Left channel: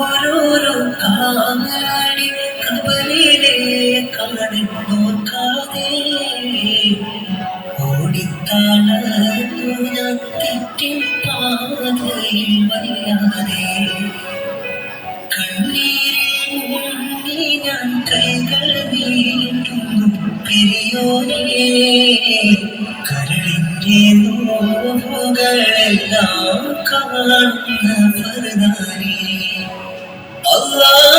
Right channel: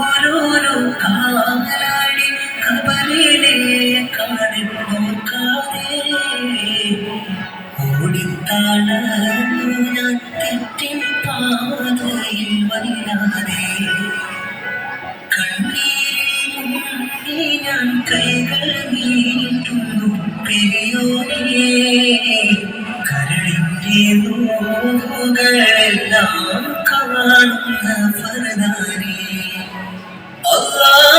ഓരോരോ കാലാടി കബലിലെ കാണിൽ നോക്കാതെ ഓടിത്താളന്നു ഞാൻ തെറ്റിൻ പാതയിൽ വല്ലാതെ കണ്ണീരിൽ മുങ്ങി ഞാൻ കൈകൾ നീട്ടുന്നു പെരിയോനേ കരളിന്റെ നോവുകളെല്ലാം Allah.